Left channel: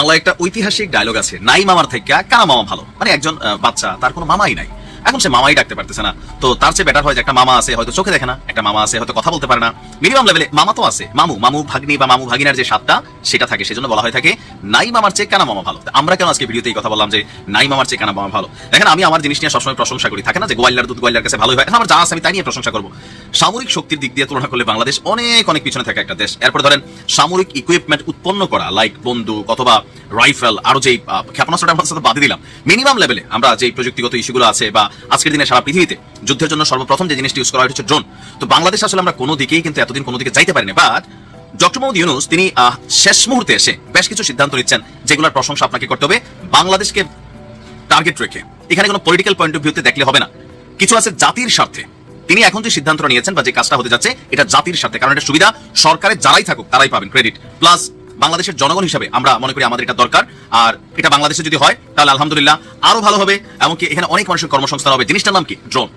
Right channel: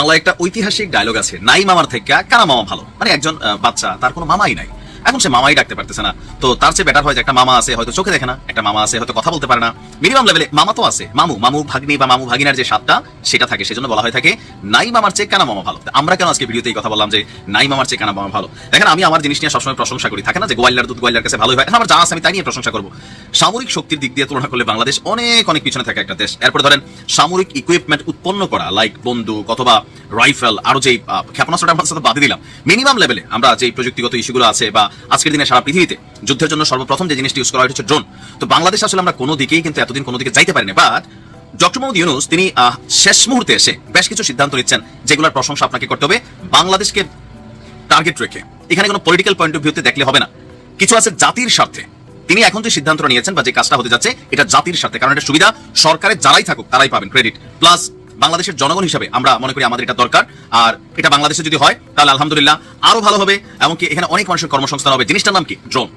বাংলা একটা ঐতিহাসিক ডায়লগ আছে নাই মামার থেকে, কারা মামা ভালো? মানে একজন বাচ্চা, তার কোনো মামাই নাই। এখন সে মামাই ডাকতে পারতেছে না। তো তার চেয়ে বেটার হয় যে একটা মামা আছে, হয়তো চোখে দেখে না, একটা মামা আছে, হয়তো কথা বলতে পারে না। মিনিমাম লেভেলে মামা তো আছে, মামু মামু ভাগ্নি বা মামু ভাগিনার যে স্বাদটা, সেটা থাকে। সেজন্য বলা হয় থাকে, নাই মামার চেয়ে কেন মামা ভালো? আমরা কেন আজকে ভিডিওতে এই কথা বললাম যে, নাই মামার চেয়ে কেন মামা ভালো? দেখেন, আমি আমার জিনিস নিয়ে সবসময় প্রশংসা করি। থাকে না যে গোয়ালিয়ার দুধ গোয়ালিয়ার কাছে ভালোই হয়? আমার যা আছে আমি তাই নিয়ে প্রশংসা করব। সামরিক শক্তির দিক দিয়ে তুলনা করলে বাংলাদেশ অনেক অনেক পিছনে থাকে একটা দেশ। এরপর ধরেন, সামরিক ইকুইপমেন্ট উৎপন্ন করা লাইক বন্দুক অথবা রাইফেল আরও যে ক্ষেপণাস্ত্রটা আমরা বাদে দিলাম। মিনিমাম লেভেলে আমরা যে প্রযুক্তিগত ইস্যুগুলো আছে বা আজকের দিনে সারা পৃথিবীতে যুদ্ধের জন্য সর্বপ্রথম যে জিনিসটি ইউজ করা হয় হচ্ছে ড্রোন তো বাংলাদেশ আসলে আমরা কোনো দিকেই কিন্তু এতদিন কোনো দিকে যাইতে পারিনি বাট ডক্টর মোহাম্মদ ইউনুস তিনি শেষ মুহূর্তে এসে বেশ কিছু সিদ্ধান্ত নিচ্ছেন যেগুলোর প্রশংসা আপনাকে করতে হবে। বাংলাদেশকে টার্গেট রেখে। এখানে কোনো পলিটিক্যাল পয়েন্ট অফ ভিউতে দেখলে হবে না। কিছু আছে জাতির স্বার্থে। তিনি এখন যে সিদ্ধান্তটা নিয়েছেন বা যে কাজটা হতে যাচ্ছে, এটা জাতির স্বার্থে। কারণ এটা সুবিধা সরকারের যারাই থাকুক, তারাই পাবেন ক্রেডিট প্লাস বাংলাদেশের জনগণ হিসাবে আমরা মনে করি আমাদের এটা দরকার। আর এটা বাংলাদেশে যদি হয়, তাহলে আলহামদুলিল্লাহ আরও ভালো হবে। এমনকি এখানে অনেক মানুষের কর্মসংস্থান হবে। জিনিসটার নাম কি? ড্রোন।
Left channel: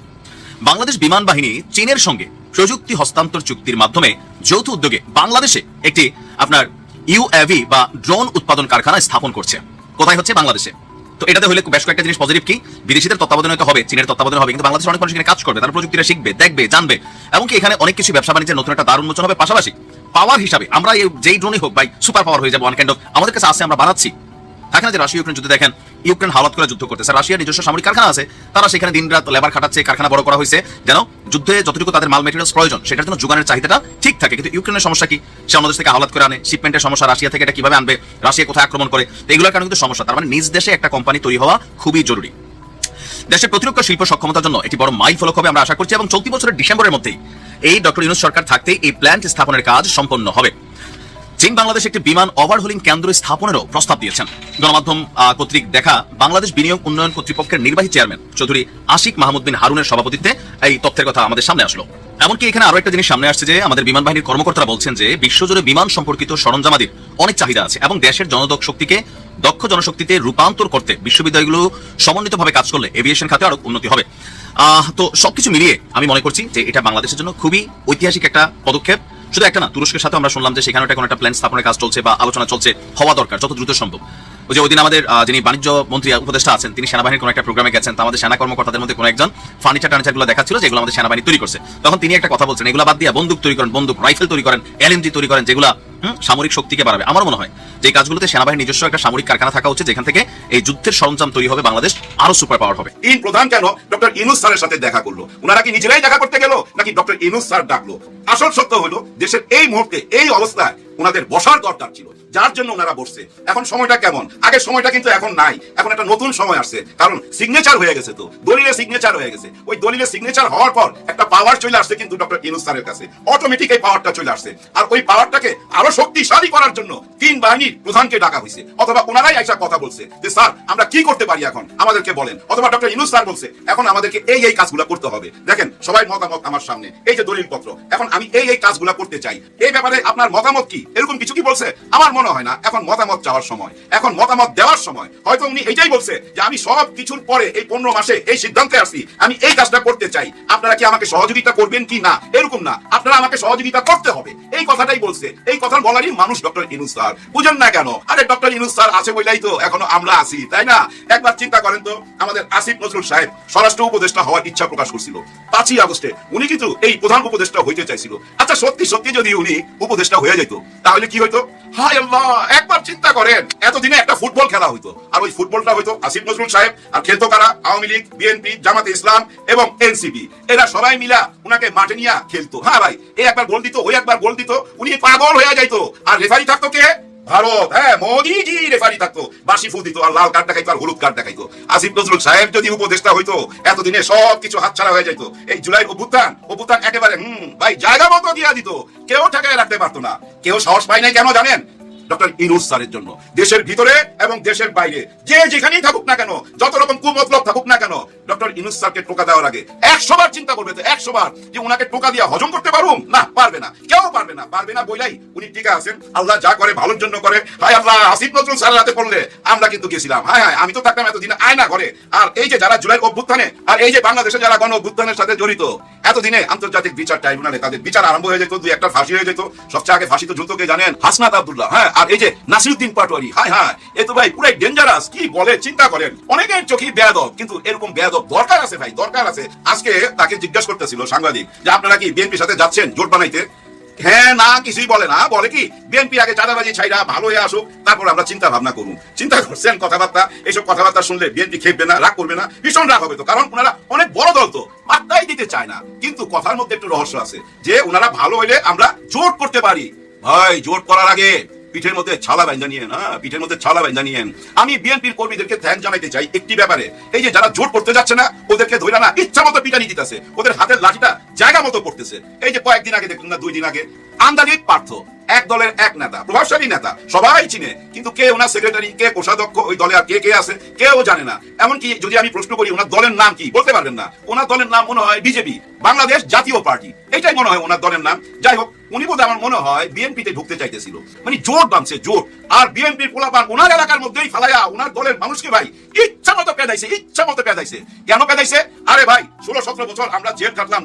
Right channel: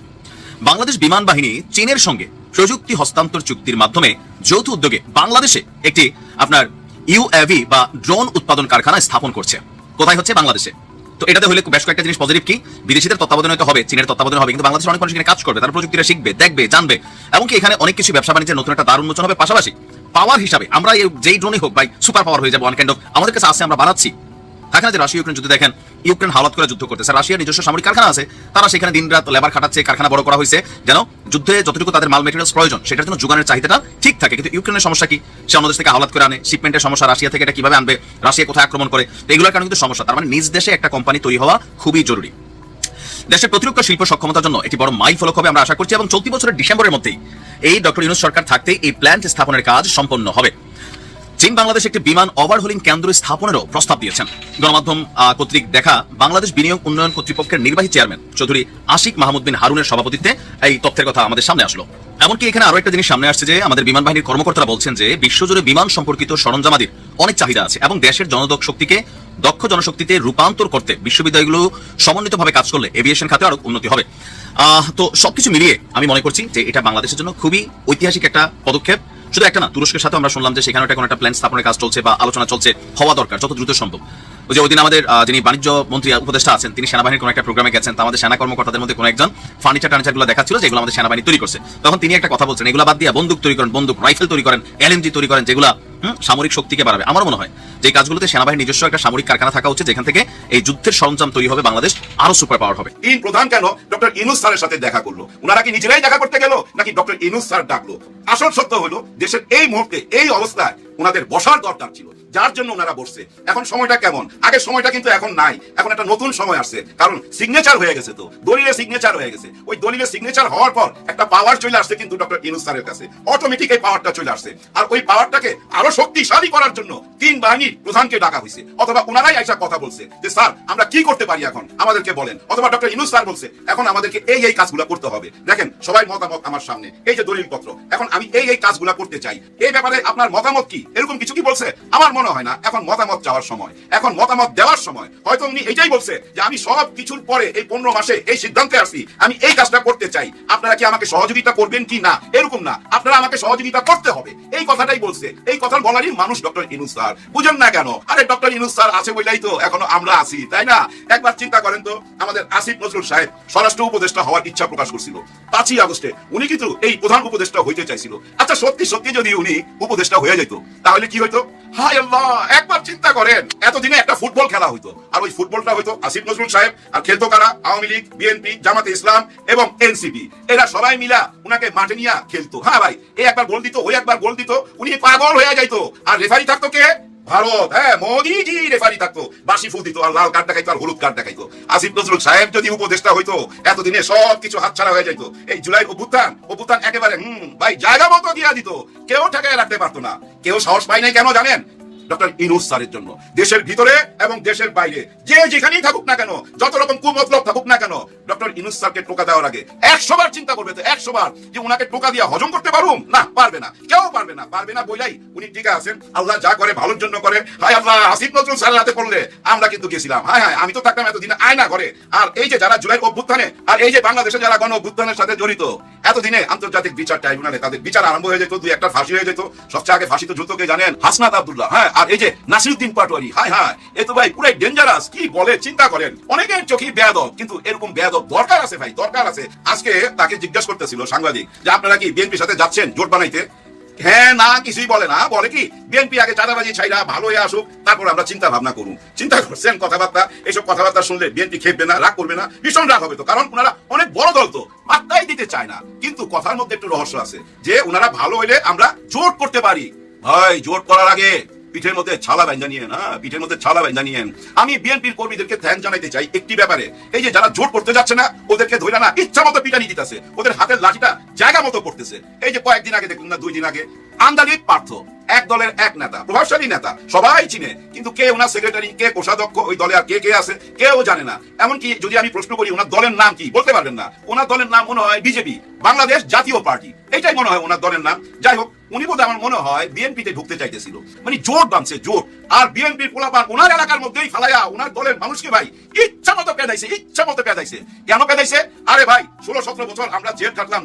বাংলাদেশ বিমান বাহিনী চীনের সঙ্গে প্রযুক্তি হস্তান্তর চুক্তির মাধ্যমে যৌথ উদ্যোগে বাংলাদেশে একটি আপনার ইউএভি বা ড্রোন উৎপাদন কারখানা স্থাপন করছে। কোথায় হচ্ছে? বাংলাদেশে। তো এটাতে হলে বেশ কয়েকটা জিনিস পজিটিভ কি? বিদেশিদের তত্ত্বাবধানে হবে, চীনের তত্ত্বাবধানে হবে। কিন্তু বাংলাদেশের অনেক মানুষ কাজ করবে, তারা প্রযুক্তিটা শিখবে, দেখবে, জানবে। এমনকি এখানে অনেক কিছু ব্যবসা বাণিজ্যের নতুন একটা দারুণ মোচন হবে পাশাপাশি। পাওয়ার হিসাবে আমরা যেই ড্রোনই হোক, ভাই সুপার পাওয়ার হয়ে যাব অনেক আমাদের কাছে আসছে আমরা না যে রাশিয়া ইউক্রেন দেখেন, ইউক্রেন করে যুদ্ধ করতেছে নিজস্ব সামরিক কারখানা আছে, তারা সেখানে দিন রাত লেবার খাটাচ্ছে, কারখানা বড় করা হয়েছে। যেন যুদ্ধে যতটুকু তাদের মাল মেটেরিয়ালস প্রয়োজন, সেটার জন্য যোগানের চাহিদাটা ঠিক থাকে। কিন্তু ইউক্রেনের সমস্যা কি? সে অন্য দেশ থেকে করে আনে শিপমেন্টের সমস্যা, রাশিয়া থেকে এটা কীভাবে আনবে, রাশিয়া কোথায় আক্রমণ করে? এগুলোর কারণে কিন্তু সমস্যা। তার মানে নিজ দেশে একটা কোম্পানি তৈরি হওয়া খুবই জরুরি। দেশের প্রতিরক্ষা শিল্প সক্ষমতার জন্য একটি বড় মাইল ফলক হবে আমরা আশা করছি, এবং চলতি বছরের ডিসেম্বরের মধ্যেই এই ডক্টর ইউনুস সরকার থাকতেই এই প্ল্যান্ট স্থাপনের কাজ সম্পন্ন হবে। চীন বাংলাদেশ একটি বিমান ওভারহোলিং কেন্দ্র স্থাপনেরও প্রস্তাব দিয়েছেন। গণমাধ্যম কর্তৃক দেখা বাংলাদেশ বিনিয়োগ উন্নয়ন কর্তৃপক্ষের নির্বাহী চেয়ারম্যান চৌধুরী আশিক মাহমুদ বিন হারুনের সভাপতিত্বে এই তথ্যের কথা আমাদের সামনে আসলো। এমনকি এখানে আরও একটা জিনিস সামনে আসছে যে আমাদের বিমান বাহিনীর কর্মকর্তারা বলছেন যে বিশ্বজুড়ে বিমান সম্পর্কিত সরঞ্জামাদির অনেক চাহিদা আছে এবং দেশের জনদক শক্তিকে দক্ষ জনশক্তিতে রূপান্তর করতে বিশ্ববিদ্যালয়গুলো সমন্বিতভাবে কাজ করলে এভিয়েশন খাতে আরও উন্নতি হবে। আহ, তো সবকিছু মিলিয়ে আমি মনে করছি যে এটা বাংলাদেশের জন্য খুবই ঐতিহাসিক একটা পদক্ষেপ। শুধু একটা না, তুরস্কের সাথে আমরা শুনলাম যে সেখানে একটা কোনো একটা প্ল্যান স্থাপনের কাজ চলছে বা আলোচনা চলছে, হওয়া দরকার, যত দ্রুত সম্ভব। ওই যে ওই দিন আমাদের যিনি বাণিজ্য মন্ত্রী, উপদেষ্টা আছেন, তিনি সেনাবাহিনীর কোনো একটা প্রোগ্রামে গেছেন, তো আমাদের সেনা কর্মকর্তাদের মধ্যে কোনো একজন ফার্নিচার টার্নিচারগুলো দেখাচ্ছিল, যেগুলো আমাদের সেনাবাহিনী তৈরি করছে। তখন তিনি একটা কথা বলছেন, এগুলো বাদ দিয়ে বন্দুক তৈরি করেন, বন্দুক রাইফেল তৈরি করেন এলএমজি তৈরি করেন, যেগুলো সামরিক শক্তিকে বাড়াবে। আমার মনে হয় যে কাজগুলোতে সেনাবাহিনীর নিজস্ব একটা সামরিক কারখানা থাকা হচ্ছে যেখান থেকে এই যুদ্ধের সরঞ্জাম তৈরি হবে, বাংলাদেশ আরও সুপার পাওয়ার হবে। এই প্রধান কেন ডক্টর ইনুস স্যারের সাথে দেখা করল? ওনারা কি নিজেরাই দেখা করতে গেল, নাকি ডক্টর ইনুস স্যার ডাকলো? আসল সত্য হলো, দেশের এই মুহূর্তে, এই অবস্থায় ওনাদের বসার দরকার ছিল। যার জন্য ওনারা বসছে। এখন সময়টা কেমন? আগে সময়টা কিন্তু এখন নাই। এখন একটা নতুন সময় আসছে। কারণ সিগনেচার হয়ে গেছে তো। দলিলের সিগনেচার হয়ে গেছে। ওই দলিলের সিগনেচার হওয়ার পর একটা পাওয়ার চলে আসছে কিন্তু ডক্টর ইনুস স্যারের কাছে। অটোমেটিক এই পাওয়ারটা চলে আসছে। আর ওই পাওয়ারটাকে আরও শক্তিশালী করার জন্য তিন বাহিনীর প্রধানকে ডাকা হয়েছে। অথবা ওনারাই একটা কথা বলছে যে, স্যার, আমরা কি করতে পারি এখন? আমাদেরকে বলেন। অথবা ডক্টর ইনুস স্যার বলছে, এখন আমাদেরকে এই এই কাজগুলো করতে হবে। দেখেন, সবাই মতামত আমার সামনে। এই যে দলিল পত্র এখন আমি এই এই কাজগুলো করতে চাই। এই ব্যাপারে আপনার মতামত কি? এরকম কিছু কি বলছে? আমার মনে হয় না, এখন মতামত চাওয়ার সময়। এখন মতামত দেওয়ার সময়। হয়তো উনি এটাই বলছে যে, আমি সব কিছুর পরে এই পনেরো মাসে এই সিদ্ধান্তে আসছি আমি এই কাজটা করতে চাই। আপনারা কি আমাকে সহযোগিতা করবেন কি না? এরকম না। আপনারা আমাকে সহযোগিতা করতে হবে। এই কথাটাই বলছে। এই কথা বলারই মানুষ ডক্টর ইনুস স্যার। বুঝেন না কেন? আরে ডক্টর ইনুস স্যার আছে বলেই তো এখনও আমরা আছি, তাই না? একবার চিন্তা করেন তো, আমাদের আসিফ নজরুল সাহেব স্বরাষ্ট্র উপদেষ্টা হওয়ার ইচ্ছা প্রকাশ করছিল। পাঁচই আগস্টে উনি কিন্তু এই প্রধান উপদেষ্টা হইতে চাইছিল। আচ্ছা সত্যি সত্যি যদি উনি উপদেষ্টা হয়ে যেত, তাহলে কি হইতো? হায় আল্লাহ, একবার চিন্তা করেন, এতদিনে একটা ফুটবল খেলা হইতো। আর ওই ফুটবলটা হইতো আসিফ নজরুল সাহেব, আর খেলতো কারা? আওয়ামী লীগ, বিএনপি, জামাতে ইসলাম এবং এনসিপি। এরা সবাই মিলা উনাকে মাঠে নিয়ে খেলতো। হ্যাঁ ভাই এই একবার গোল দিত ওই একবার গোল দিত, উনি পাগল হয়ে যাইতো। আর রেফারি থাকতো কে? ভারত। হ্যাঁ রেফারি থাকতো। বাসি ফুল দিত, আর লাল কার্ড দেখাইতো, আর হলুদ কার্ড দেখাইতো। আসিফ নজরুল সাহেব যদি উপদেষ্টা হইতো, এতদিনে সব কিছু হাতছাড়া হয়ে যেত এই জুলাই অভ্যুত্থান অভ্যুত্থান একেবারে, হুম, ভাই জায়গা মতো দিয়া দিত। কেউ টাকায় রাখতে পারতো না। কেউ সাহস পায় নাই কেন জানেন? ডক্টর ইনুস স্যারের জন্য। দেশের ভিতরে এবং দেশের বাইরে। যে যেখানেই থাকুক না কেন, যত রকম কুমতলব থাকুক না কেন, ডক্টর ইনুস স্যারকে টোকা দেওয়ার আগে একশো বার চিন্তা করবে তো একশো বার যে ওনাকে টোকা দিয়ে হজম করতে পারুম? না, পারবে না। কেউ পারবে না পারবে না বইলাই। উনি টিকা আছেন। আল্লাহ যা করে, ভালোর জন্য করে। হায় আল্লাহ আসিফ নজরুল স্যার হাতে পড়লে আমরা কিন্তু গেছিলাম। হায় হায়, আমি তো থাকতাম এতদিন আয় না করে আর এই যে যারা জুলাই অভ্যুত্থানে, আর এই যে বাংলাদেশে যারা গণ অভ্যুত্থানের সাথে জড়িত, এতদিনে আন্তর্জাতিক বিচার ট্রাইব্যুনালে তাদের বিচার আরম্ভ হয়ে যেত, দুই একটা ফাঁসি হয়ে যেত। সবচেয়ে আগে ফাঁসি তো দ্রুত জানেন হাসনাত আব্দুল্লাহ। হ্যাঁ আর এই যে নাসিরুদ্দিন পাটোয়ারি হ্যাঁ হ্যাঁ এ তো ভাই পুরাই ডেঞ্জারাস কি বলে, চিন্তা করেন। অনেকের চোখে বেয়াদব, কিন্তু এরকম বেয়াদব দরকার আছে ভাই, দরকার আছে। আজকে তাকে জিজ্ঞাসা করতেছিল সাংবাদিক, যে আপনারা কি বিএনপির সাথে যাচ্ছেন জোট বানাইতে? হ্যাঁ না, কিছুই বলে না। বলে কি? বিএনপি আগে চাঁদাবাজি ছাইরা ভালো হয়ে আসুক, তারপর আমরা চিন্তা ভাবনা করুন। চিন্তা করছেন কথাবার্তা, এইসব কথাবার্তা শুনলে বিএনপি খেপবে না, রাগ করবে না ভীষণ রাগ হবে তো। কারণ ওনারা অনেক বড় দল তো, মাত্রাই দিতে চায় না। কিন্তু কথার মধ্যে একটু রহস্য আছে, যে ওনারা ভালো হইলে আমরা জোট করতে পারি। হয় জোট করার আগে পিঠের মধ্যে ছালা বাইন্দা নিয়েন হ্যাঁ? পিঠের মধ্যে ছালা বাইন্দা নিয়েন। আমি বিএনপির কর্মীদেরকে ধ্যান জানাইতে চাই একটি ব্যাপারে। এই যে যারা জোট করতে যাচ্ছে না, ওদেরকে ধরে না ইচ্ছা মতো পিটানি দিতেছে। ওদের হাতের লাঠিটা জায়গা মতো করতেছে। এই যে কয়েকদিন আগে দেখুন না, দুই দিন আগে, আমদানি পার্থ, এক দলের এক নেতা, প্রভাবশালী নেতা, সবাই চিনে, কিন্তু কে ওনার সেক্রেটারি কে কোষাধ্যক্ষ, ওই দলে আর কে কে আছে, কেউ জানে না। এমনকি যদি আমি প্রশ্ন করি, ওনার দলের নাম কি, বলতে পারবেন না। ওনার দলের নাম মনে হয় বিজেপি, বাংলাদেশ জাতীয় পার্টি। এটাই মনে হয় ওনার দলের নাম। যাই হোক, উনি বোধ আমার মনে হয় বিএনপিতে ঢুকতে চাইতেছিল। মানে জোট বানছে জোট আর বিএনপির পোলাপান ওনার এলাকার মধ্যেই ফেলাইয়া ওনার দলের মানুষকে ভাই ইচ্ছা মতো কেন আরে ভাই, ষোলো, সতেরো বছর আমরা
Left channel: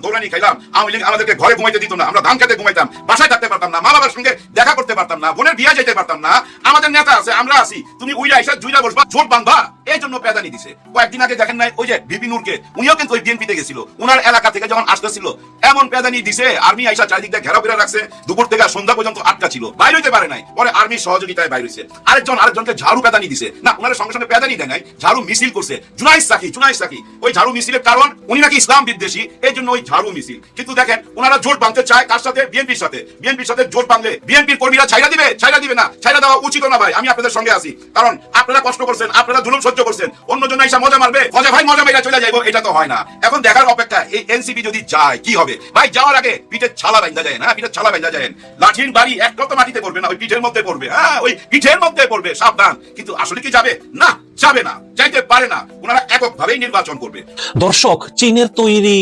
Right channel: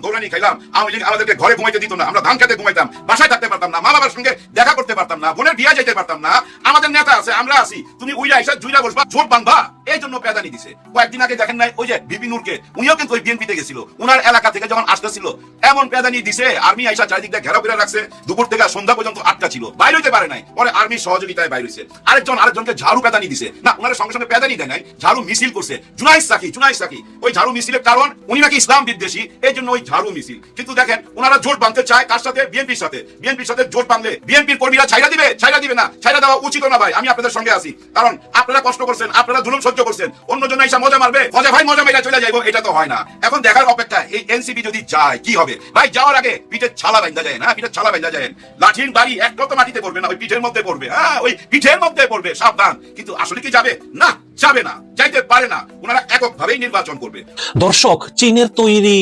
দৌড়ানি খাইলাম, আওয়ামী আমাদেরকে ঘরে ঘুমাইতে দিত না, আমরা ধান খেতে ঘুমাইতাম, বাসায় থাকতে পারতাম না মা বাবার সঙ্গে দেখা করতে পারতাম না, বোনের বিয়ে যেতে পারতাম না, আমাদের নেতা আছে, আমরা আছি, তুমি উইরা এসে জুইরা বসবা বাংবা এই জন্য দিছে। কয়েকদিন আগে দেখেন নাই, ওই যে বিপি নূরকে, উনিও কিন্তু ওই বিএনপিতে গেছিল ওনার এলাকা থেকে যখন আসতেছিল, এমন পেদানি দিছে, আর্মি আইসা চারিদিক দিয়ে ঘেরা রাখছে, দুপুর থেকে সন্ধ্যা পর্যন্ত আটকা ছিল, বাইরে হইতে পারে নাই, পরে আর্মি সহযোগিতায় বাইরে হয়েছে আরেকজন, আরেকজনকে ঝাড়ু পেদানি দিছে। না ওনার সঙ্গে সঙ্গে পেদানি দেয় নাই, ঝাড়ু মিছিল করছে। জুনাইস সাকি জুনাইস সাকি। ওই ঝাড়ু মিছিলের কারণ উনি নাকি ইসলাম বিদ্বেষী, এই জন্য ওই ঝাড়ু মিছিল। কিন্তু দেখেন, ওনারা জোট বাঁধতে চায় কার সাথে? বিএনপির সাথে। বিএনপির সাথে জোট বাঁধলে বিএনপির কর্মীরা ছাইরা দিবে? ছাইরা দিবে না। ছাইরা দেওয়া উচিত না ভাই, আমি আপনাদের সঙ্গে আছি। কারণ আপনারা কষ্ট করছেন, আপনারা জুলুম সহ্য করছেন অন্যজন এসে মজা মারবে, মজা ভাই মজা মেরে চলে যাইবো, এটা তো হয় না। এখন দেখার অপেক্ষা এই এনসিপি যদি যায়, কি হবে? ভাই, যাওয়ার আগে পিঠের ছালা বেঁধা যায় না পিঠের ছালা বেঁধা যায় লাঠির বাড়ি একটাও তো মাটিতে পড়বে না? ওই পিঠের মধ্যে পড়বে হ্যাঁ? ওই পিঠের মধ্যে পড়বে, সাবধান। কিন্তু আসলে কি যাবে? না যাবে না, যাইতে পারে না। ওনারা এককভাবেই নির্বাচন করবে। দর্শক, চীনের তৈরি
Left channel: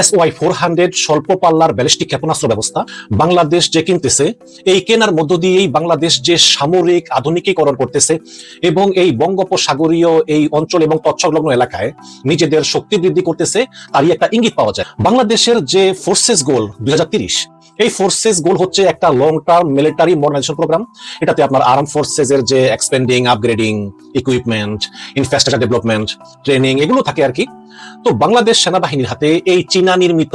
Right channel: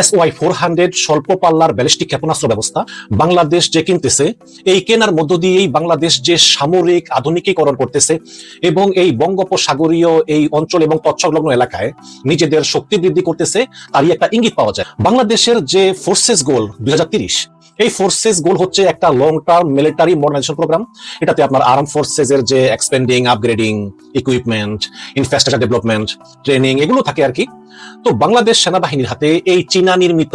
এস ওয়াই ফোর হান্ড্রেড স্বল্প পাল্লার ব্যালিস্টিক ক্ষেপণাস্ত্র ব্যবস্থা বাংলাদেশ যে কিনতেছে, এই কেনার মধ্য দিয়েই বাংলাদেশ যে সামরিক আধুনিকীকরণ করতেছে এবং এই বঙ্গোপসাগরীয় এই অঞ্চল এবং তৎসংলগ্ন এলাকায় নিজেদের শক্তি বৃদ্ধি করতেছে, তারই একটা ইঙ্গিত পাওয়া যায়। বাংলাদেশের যে ফোর্সেস গোল দুই এই ফোর্সেস গোল হচ্ছে একটা long term military modernisation programme এটাতে আপনার আর্ম ফোর্সেস এর যে expanding upgrading equipment infrastructure development training এগুলো থাকে আর কি। তো বাংলাদেশ সেনাবাহিনীর হাতে এই চীনা নির্মিত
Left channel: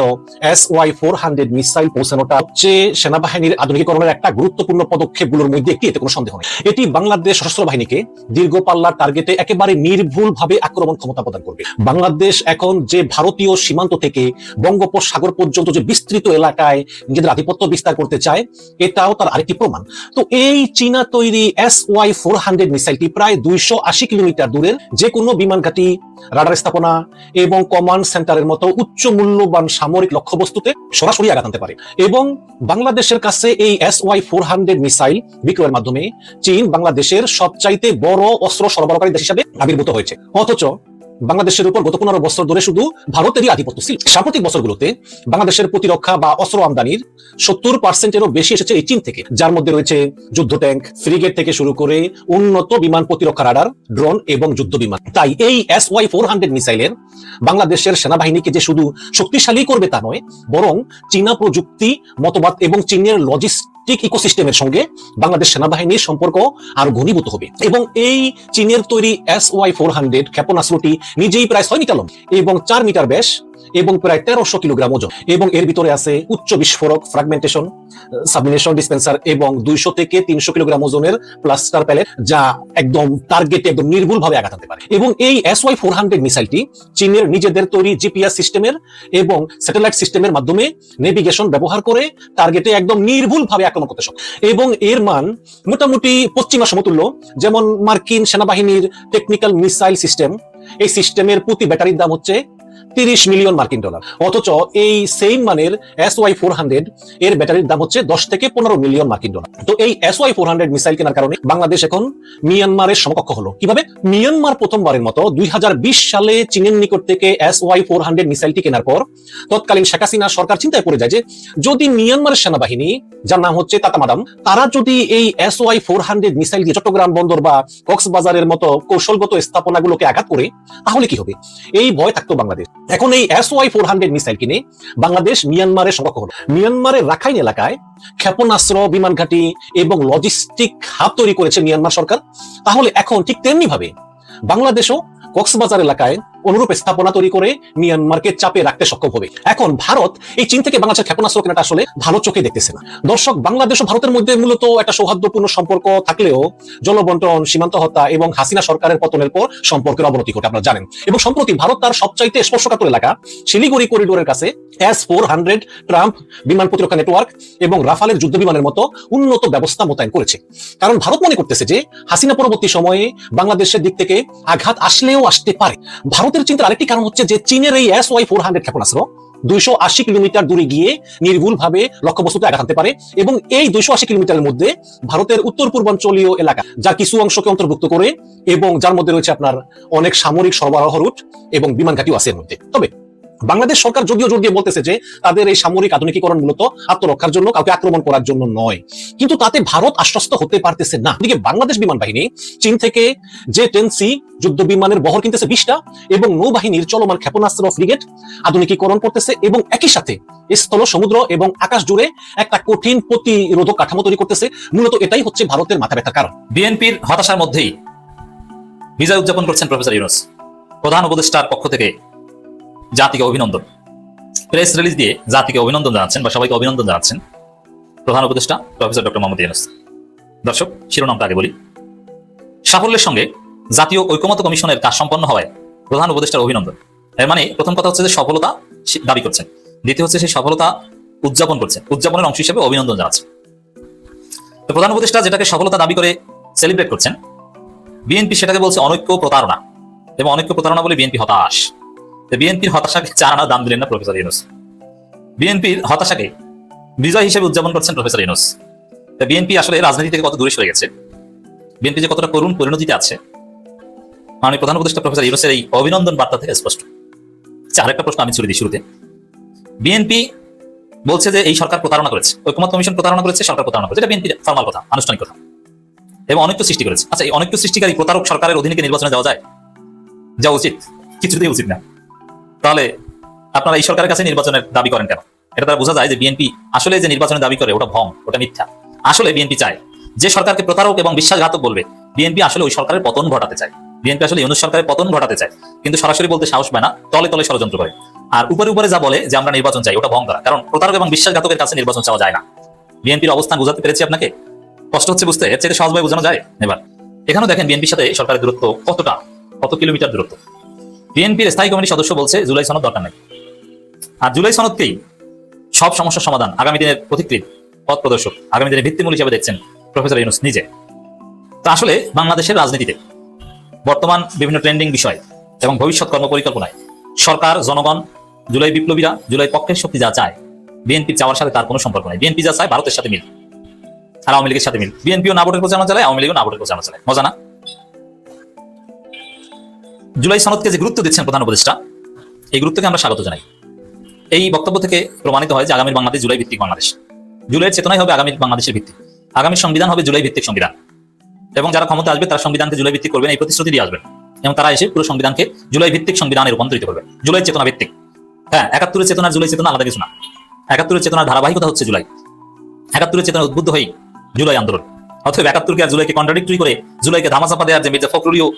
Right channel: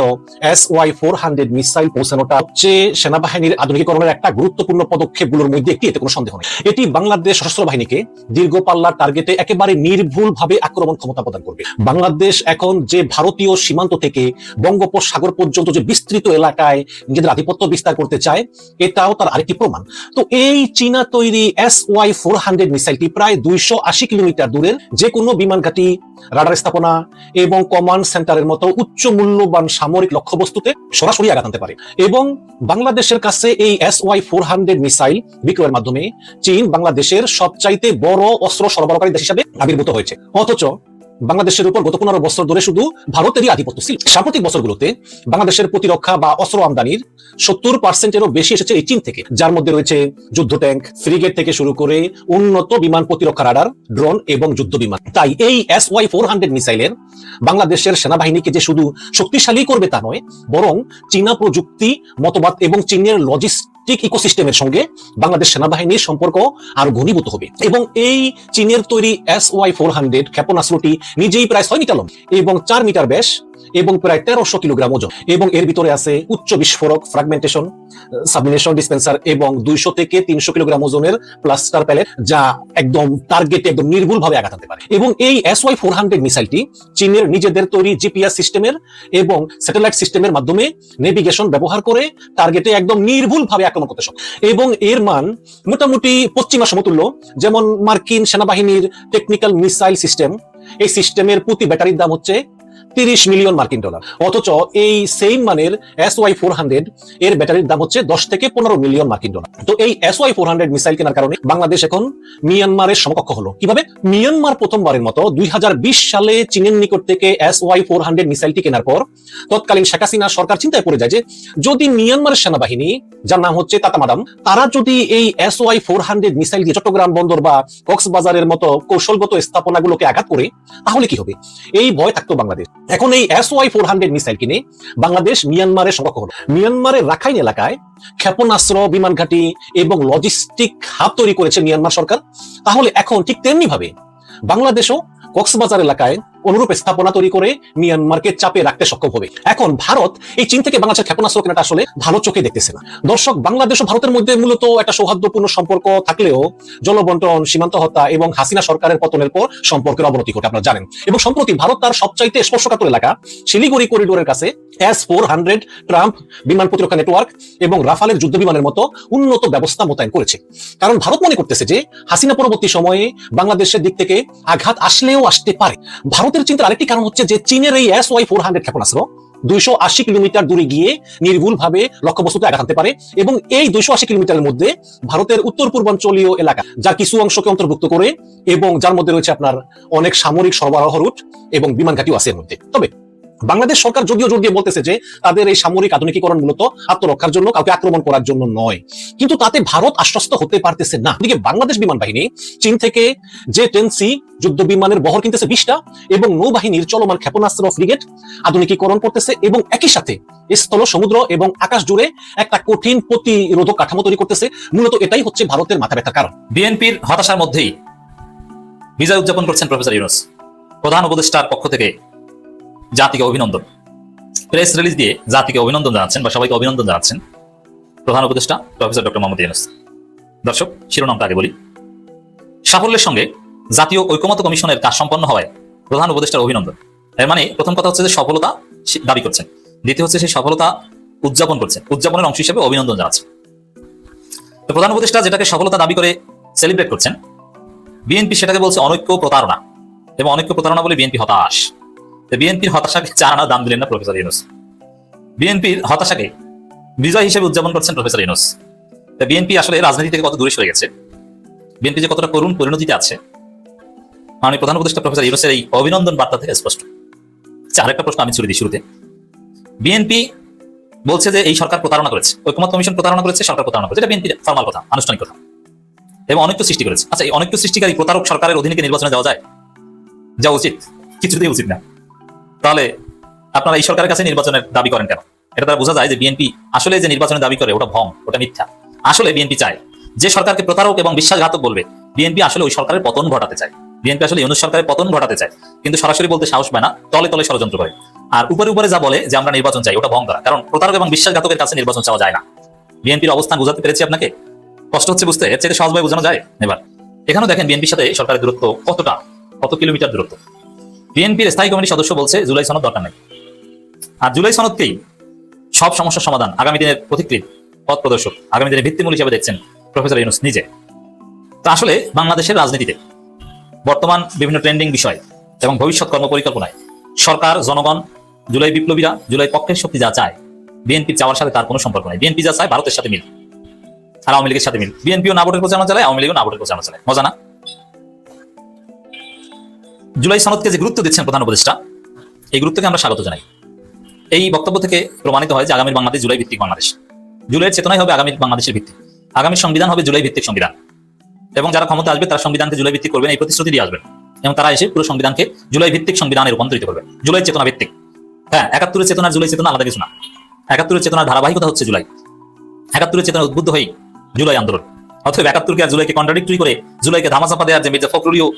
S Y four hundred missile পৌঁছানোটা হচ্ছে সেনাবাহিনীর আধুনিকীকরণের একটা গুরুত্বপূর্ণ পদক্ষেপগুলোর মধ্যে একটি, এতে কোনো সন্দেহ নেই। এটি বাংলাদেশ সশস্ত্র বাহিনীকে দীর্ঘ পাল্লার টার্গেটে একেবারে নির্ভুল ভাবে আক্রমণ ক্ষমতা প্রদান করবে। বাংলাদেশ এখন যে ভারতীয় সীমান্ত থেকে বঙ্গোপসাগর পর্যন্ত যে বিস্তৃত এলাকায় নিজেদের আধিপত্য বিস্তার করতে চায়, এটাও তার আরেকটি প্রমাণ। তো এই চীনা তৈরি এস ওয়াই ফোর হান্ড্রেড মিসাইলটি প্রায় দুইশো আশি কিলোমিটার দূরের যে কোনো বিমান ঘাঁটি, রাডার স্থাপনা এবং কমান্ড সেন্টারের মতো উচ্চ মূল্যবান সামরিক লক্ষ্যবস্তুতে সরাসরি আঘাত আনতে পারে। এবং বাংলাদেশের কাছে এই S Y four hundred missile বিক্রয়ের মাধ্যমে চীন বাংলাদেশের সবচাইতে বড় অস্ত্র সরবরাহকারী দেশ হিসাবে আবির্ভূত হয়েছে। অথচ বাংলাদেশের উপর গত পনেরো বছর ধরে শুধু ভারতেরই আধিপত্য ছিল। সাম্প্রতিক বছরগুলোতে বাংলাদেশের প্রতিরক্ষা বা অস্ত্র আমদানির সত্তর পার্সেন্টেরও বেশি এসেছে এই চীন থেকে, যার মধ্যে রয়েছে যুদ্ধ ট্যাঙ্ক ফ্রিগেট থেকে শুরু করে উন্নত বিমান প্রতিরক্ষা রাডার ড্রোন এবং যুদ্ধ বিমান। তাই এই এস ওয়াই ফোর হান্ড্রেড মিসাইলের বাংলাদেশের সেনাবাহিনীকে যে শুধু শক্তিশালী করবে তা নয়, বরং চীনা প্রযুক্তি, মতবাদ এবং চীনের লজিস্টিক ইকোসিস্টেমের সঙ্গে বাংলাদেশ সেনাবাহিনীর সম্পর্ক আরও ঘনীভূত হবে। এবং এই চীনের তৈরি এস ওয়াই ফোর হান্ড্রেড ক্ষেপণাস্ত্রটি নিজেই প্রায় ছয় মিটার এবং চার মিটার ব্যাস এবং প্রায় তেরোশো কিলোগ্রাম ওজন। এবং এর ভিতরে আছে উচ্চ বিস্ফোরক ফ্রাগমেন্টেশন সাবমিনেশন ডিসপেন্সার এবং দুইশো থেকে তিনশো কিলোগ্রাম ওজনের প্লাস্টার প্যালেট যা একদম টার্গেটে নির্ভুল ভাবে আঘাত আনতে পারে। এবং এই এস ওয়াই ফোর হান্ড্রেড মিসাইলটি চীনের নিজেদের তৈরি জিপিএস সিস্টেমের এবং স্যাটেলাইট সিস্টেমের মাধ্যমে নেভিগেশন ব্যবহার করে টার্গেটে একদম নির্ভুল ভাবে আক্রমণ করতে সক্ষম। এবং এর মান মোটামুটি পশ্চিমা সমতুল্য। যেমন মার্কিন সেনাবাহিনীর টেকনিক্যাল মিসাইল সিস্টেম এই সিস্টেমের প্রতি ব্যাটারির দাম হচ্ছে তিরিশ মিলিয়ন মার্কিন ডলার। অথচ এই সেম মানের এস ওয়াই ফোর হান্ড্রেড এর ব্যাটারির দাম হচ্ছে দশ থেকে পনেরো মিলিয়ন মার্কিন ডলার। তো এই S Y four hundred missile কেনার কারণে বাংলাদেশ এখন? মিয়ানমারের সমকক্ষ হলো। কীভাবে? মিয়ানমার প্রথমবারের মতো দুই সালে চীনের নিকট থেকে এস ওয়াই ফোর হান্ড্রেড মিসাইলটি কেনার পর তৎকালীন শেখ হাসিনা সরকার চিন্তায় পড়ে যায় যে যদি মিয়ানমারের সেনাবাহিনী যার নাম হচ্ছে তাতামাদাম তারা যদি এই S Y four hundred missile দিয়ে চট্টগ্রাম বন্দর বা কক্সবাজারের মতো কৌশলগত স্থাপনাগুলোকে আঘাত করে তাহলে কি হবে? এই ভয় থাকতো বাংলাদেশ। এখন এই S Y four hundred missile কিনে বাংলাদেশ মিয়ানমারের সংরক্ষণ করবে। মিয়ানমারের রাখাইন এলাকায় ক্ষেপণাস্ত্র বিমান ঘাঁটি এবং লজিস্টিক হাত তৈরি করেছে মিয়ানমার সরকার তাহলে এখন ঠিক তেমনি ভাবে বাংলাদেশও কক্সবাজার এলাকায় অনুরূপ স্থাপনা তৈরি করে মিয়ানমারকে চাপে রাখতে সক্ষম হবে। এখন ভারত এই চীন থেকে বাংলাদেশের ক্ষেপণাস্ত্র কেনাটা আসলে ভালো চোখে দেখতেছে না। দর্শক, বাংলাদেশ ও ভারতের মধ্যে মূলত একটা সৌহার্দ্যপূর্ণ সম্পর্ক থাকলেও জনবন্টন সীমান্ত হত্যা এবং হাসিনা সরকারের পতনের পর সম্পর্কের অবনতি ঘটে আমরা জানেন এবং সম্প্রতি ভারত তার সবচাইতে স্পর্শকাতর এলাকা শিলিগুড়ি করিডোরের কাছে এস ফোর হান্ড্রেড ট্রাম্প বিমান প্রতিরক্ষা নেটওয়ার্ক এবং রাফালের যুদ্ধ বিমানের মতো উন্নত ব্যবস্থা মোতায়েন করেছে। কারণ ভারত মনে করতেছে যে হাসিনা পরবর্তী সময়ে বাংলাদেশের দিক থেকে আঘাত আসলেও আসতে পারে। ভারতের চিন্তার আরেকটি কারণ হচ্ছে যে চীনের এই এস ওয়াই ফোর হান্ড্রেড ক্ষেপণাস্ত্র দুইশো আশি কিলোমিটার দূরে গিয়ে নির্ভুল ভাবে লক্ষ্যবস্তুতে আঘাত পারে এবং এই দুইশো আশি কিলোমিটারের মধ্যে ভারতের উত্তর পূর্বাঞ্চলীয় এলাকা, যার কিছু অংশকে অন্তর্ভুক্ত করে এবং যার মধ্যে রয়েছে আপনার অনেক সামরিক সরবরাহ রুট এবং বিমান ঘাটিও আছে এর মধ্যে। তবে বাংলাদেশ সরকার যদিও জোর দিয়ে বলতেছে যে তাদের এই সামরিক আধুনিকীকরণ মূলত আত্মরক্ষার জন্য কাউকে আক্রমণ করার জন্য নয়। কিন্তু তাতে ভারত আশ্বস্ত হতে পারতেছে না। এদিকে বাংলাদেশ বিমান বাহিনী চীন থেকে যে টেন সি যুদ্ধ বিমানের বহর কিনতেছে বিশটা এবং নৌবাহিনীর চলমান ক্ষেপণাস্ত্র ফ্রিগেট আধুনিকীকরণ করতেছে এবং একই সাথে স্থল, সমুদ্র এবং আকাশ জুড়ে একটা কঠিন প্রতিরোধক কাঠামো তৈরি করতেছে। মূলত এটাই হচ্ছে ভারতের মাথা ব্যথার কারণ। বিএনপির হতাশার মধ্যেই বিজয় উদযাপন করছেন প্রফেসর ইউনুস। প্রধান উপদেষ্টার পক্ষ থেকে জাতিকে অভিনন্দন। প্রেস রিলিজ দিয়ে জাতিকে অভিনন্দন জানাচ্ছেন বা সবাইকে অভিনন্দন জানাচ্ছেন প্রধান উপদেষ্টা প্রফেসর ডক্টর মোহাম্মদ ইউনুস। দর্শক, শিরোনামটা আগে বলি। সাফল্যের সঙ্গে জাতীয় ঐক্যমত্য কমিশনের কাজ সম্পন্ন হওয়ায় প্রধান উপদেষ্টার অভিনন্দন। এর মানে প্রথম কথা হচ্ছে যে সফলতা দাবি করছেন। দ্বিতীয় হচ্ছে সেই সফলতা উদযাপন করছে উদযাপনের অংশ হিসেবে অভিনন্দন জানাচ্ছে প্রধান উপদেষ্টা যেটাকে সফলতা দাবি করে সেলিব্রেট করছেন, বিএনপি সেটাকে বলছে অনৈক্য প্রতারণা। এবং অনৈক্য প্রতারণা বলে বিএনপি হতাশ। বিএনপির হতাশাকে চার আনা দাম দিলেন না প্রফেসর ইউনুস। বিএনপির হতাশাকে বিজয় হিসেবে উদযাপন করছেন প্রফেসর ইউনুস। বিএনপি আসলে রাজনীতি থেকে কত দূরে সরে গেছে? বিএনপি যে কতটা করুণ পরিণতিতে আছে? মাননীয় প্রধান উপদেষ্টা প্রফেসর ইউনুসের এই অভিনন্দন বার্তা থেকে স্পষ্ট। প্রশ্ন আমি ছুড়ে দিই শুরুতে। বিএনপি বলছে যে এই সরকার প্রতারণা করেছে, ঐক্যমত কমিশন প্রতারণা করেছে, সরকার প্রতারণা করেছে, এটা বিএনপি কথা আনুষ্ঠানিক কথা এবং অনেক সৃষ্টি করেছে। আচ্ছা এই অনেক সৃষ্টিকারী বিচারক সরকারের অধীনে নির্বাচনে যাওয়া যায়? যা উচিত। কিছুতেই উচিত না। তাহলে আপনারা এই সরকারের কাছে নির্বাচনের দাবি করেন কেন? এটা তো বোঝা যায় যে বিএনপি আসলে যে নির্বাচনের দাবি করে, ওটা ভ্রম ওটা মিথ্যা। আসলে বিএনপি চায় যে সরকারকে প্রতারক এবং বিশ্বাসঘাতক বলবে। বিএনপি আসলে ওই সরকারের পতন ঘটাতে চায়। বিএনপি আসলে অনুর সরকারের পতন ঘটাতে চায়। কিন্তু সরাসরি বলতে সাহস পায় না। তাহলে তাহলে ষড়যন্ত্র করে কষ্ট হচ্ছে বুঝতে? এখানে দেখেন বিএনপির সাথে সরকারের কত কিলোমিটার দূরত্ব? বিএনপির স্থায়ী কমিটির সদস্য বলছে জুলাই সনদ দরকার নাই আর জুলাই সনদকেই সব সমস্যার সমাধান আগামী দিনের পথিকৃত পথ প্রদর্শক। আগামী দিনের ভিত্তিমূল হিসাবে দেখছেন প্রফেসর ইউনুস নিজে। তো আসলে বাংলাদেশের রাজনীতিতে বর্তমান বিভিন্ন ট্রেন্ডিং বিষয় এবং ভবিষ্যৎ কর্ম পরিকল্পনায় সরকার জনগণ জুলাই বিপ্লবীরা জুলাই পক্ষের শক্তি যা চায় বিএনপির চাওয়ার সাথে তার কোনো সম্পর্ক নেই। বিএনপি যা চায় ভারতের সাথে মিল। আর আওয়ামী লীগের সাথে মিল। বিএনপিও না ভোটের প্রচারণা চালায় আওয়ামী লীগও না ভোটের প্রচারণা চালায়। মজা না? জুলাই সনদকে যে গুরুত্ব দিচ্ছেন প্রধান উপদেষ্টা, এই গুরুত্বকে আমরা স্বাগত জানাই। এই বক্তব্য থেকে প্রমাণিত হয় যে আগামী বাংলাদেশ জুলাই ভিত্তিক বাংলাদেশ। জুলাইয়ের চেতনাই হবে আগামী বাংলাদেশের ভিত্তি আগামী সংবিধান হবে জুলাই ভিত্তিক সংবিধান। এবং যারা ক্ষমতা আসবে, তারা সংবিধানকে জুলাই ভিত্তিক করবেন, এই প্রতিশ্রুতি দিয়ে আসবেন। এবং তারা এসে পুরো সংবিধানকে জুলাই ভিত্তিক সংবিধানে রূপান্তরিত করবে জুলাই চেতনা ভিত্তিক। হ্যাঁ একাত্তরের চেতনা জুলাই চেতনা আলাদা কিছু না। একাত্তরের চেতনার ধারাবাহিকতা হচ্ছে জুলাই। একাত্তরের চেতনা উদ্বুদ্ধ হয়ে জুলাই আন্দোলন। অথবা একাত্তরকে আর জুলাইকে কন্ট্রাডিক্টরি করে, জুলাইকে ধামাচাপা দেওয়ার যে মির্জা ফখরুলিও